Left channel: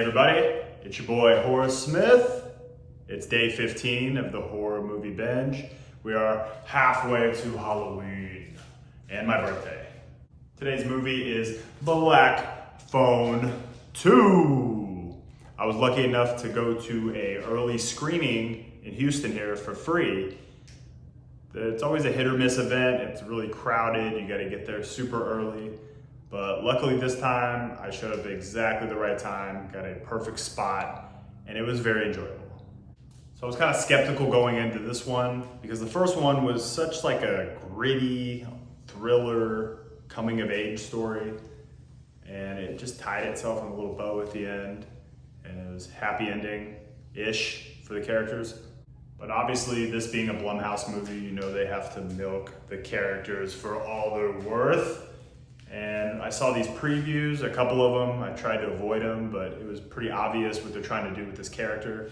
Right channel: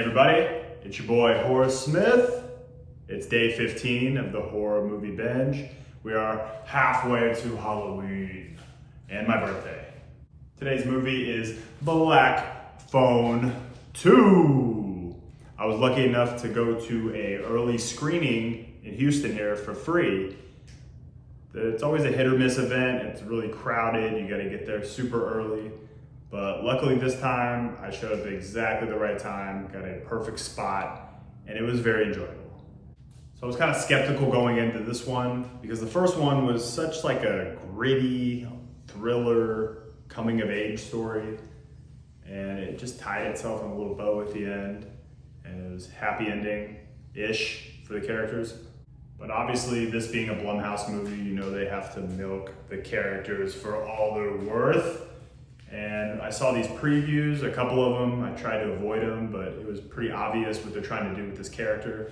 everybody, it's your boy Horror Smith. It's day 15 of the horror movie binge. We are halfway to Halloween and my birthday. Today's movie is Black Phone 2. I was lucky enough to go to an early screening in Houston here for free. It's always a hit or miss event. It's really crowded. You gotta get there super early. But luckily this time, I showed up at exactly the right time, got a perfect spot, and it was very enjoyable. So I was kind of skeptical going into this one because the first one was such like a gritty thriller coming of age story, and it just tied itself on a little bow at the end, and it was happy ending-ish for the characters. But obviously this being a Blumhouse movie, you know they have to milk the characters for all they're worth. And I saw these previews, a couple of them. I tried to avoid them, but it was pretty obvious what they're trying to do with this character.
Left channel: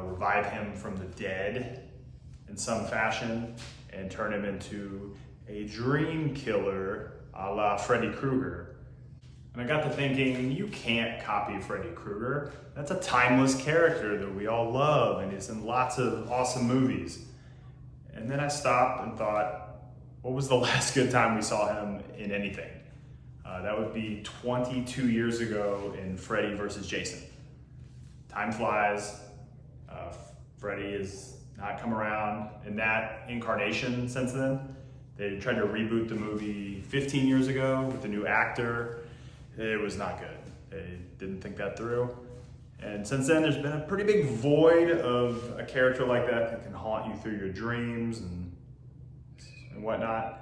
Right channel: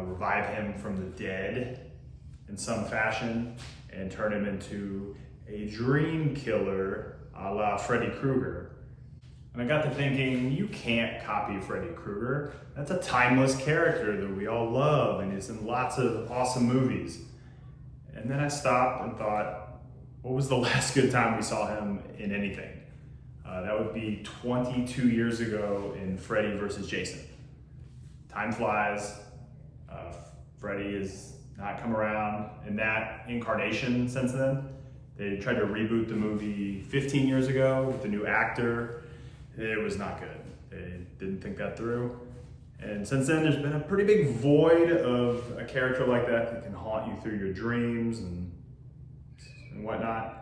Revive him from the dead in some fashion and turn him into a dream killer a la Freddy Krueger. And I got to thinking, you can't copy Freddy Krueger. That's a timeless character that we all love, and it's in lots of awesome movies. And then I stopped and thought, what was the last good time we saw him in anything? That would be 22 years ago in Freddy versus Jason. Time flies. Freddy has not come around in that incarnation since then. They tried to reboot the movie 15 years ago with a new actor. It was not good. They didn't think that through. And since then, there's been a pretty big void of a character like that can haunt you through your dreams and whatnot.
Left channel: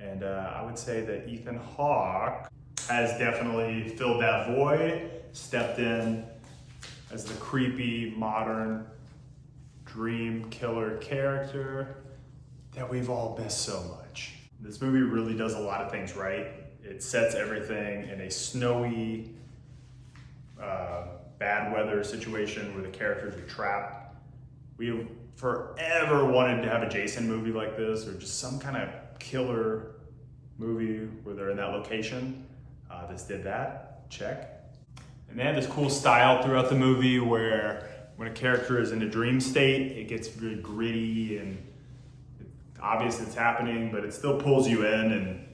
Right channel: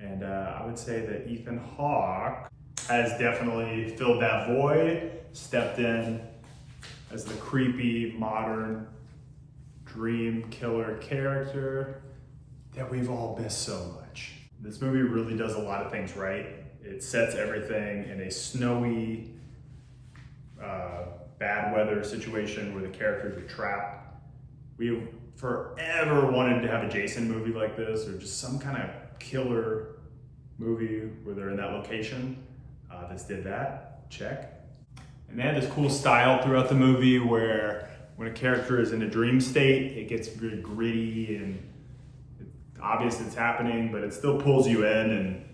And I would say that Ethan Hawke has definitely filled that void, stepped in as the creepy, modern dream killer character that we've all missed so much. This movie really does a lot of things right. It sets everything in a snowy, bad weather situation where the characters are trapped. We have forever wanted to have a Jason movie like this, or just some kind of killer movie where they're in that location. This did that, check. And they had this cool style throughout the movie where when a character is in a dream state, it gets very gritty and it's obvious it's happening, but it still pulls you in and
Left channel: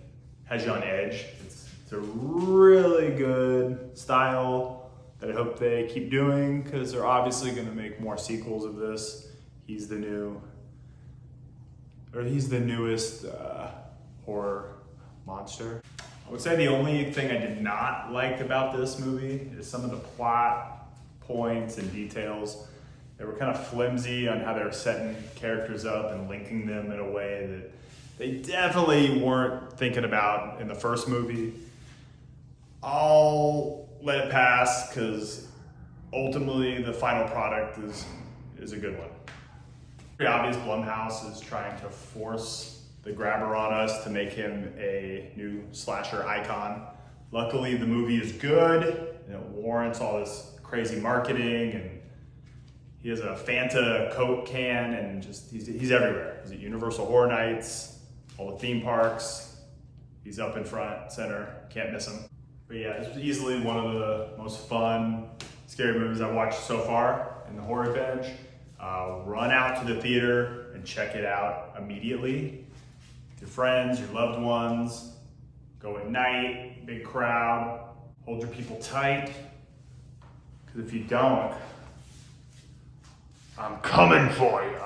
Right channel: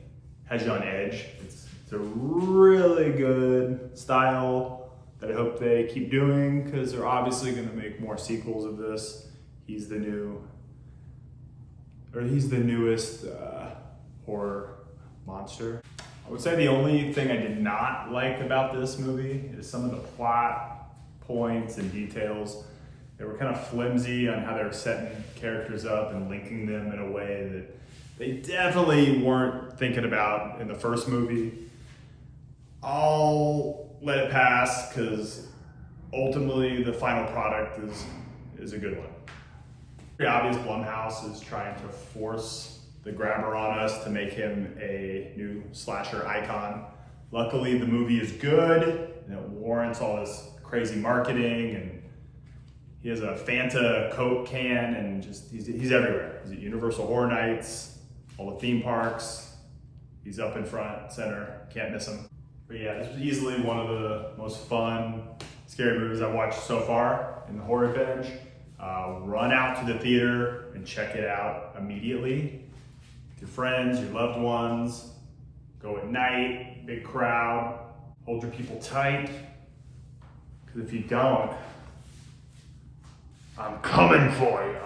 has you on edge. It's a really good style that I hope they keep doing, because they're obviously gonna make more sequels of this. He's the newest horror monster. I would say the only thing I did not like about this movie is some of the plot points and details. They were kind of flimsy on how they were setting characters up and linking them in a way that they definitely weren't thinking about in the first movie. I'll let it pass because ultimately the final product is a good one. Very obvious Blumhouse is trying to force the grabber on us to make him a new slasher icon. Luckily, the movie is good and it warrants all this crazy marketing, and he has a Fanta Coke can, and just he's everywhere. He's at Universal Horror Nights, all the theme parks. He's up in front, center, can't miss him. But yeah, this was easily one of the most fun, scary movies I've watched so far in the horror binge. Run out to the theater and check it out immediately. Your friends, your loved ones, go at night, big crowd, hold your people tight, because if you don't, I'm coming for you.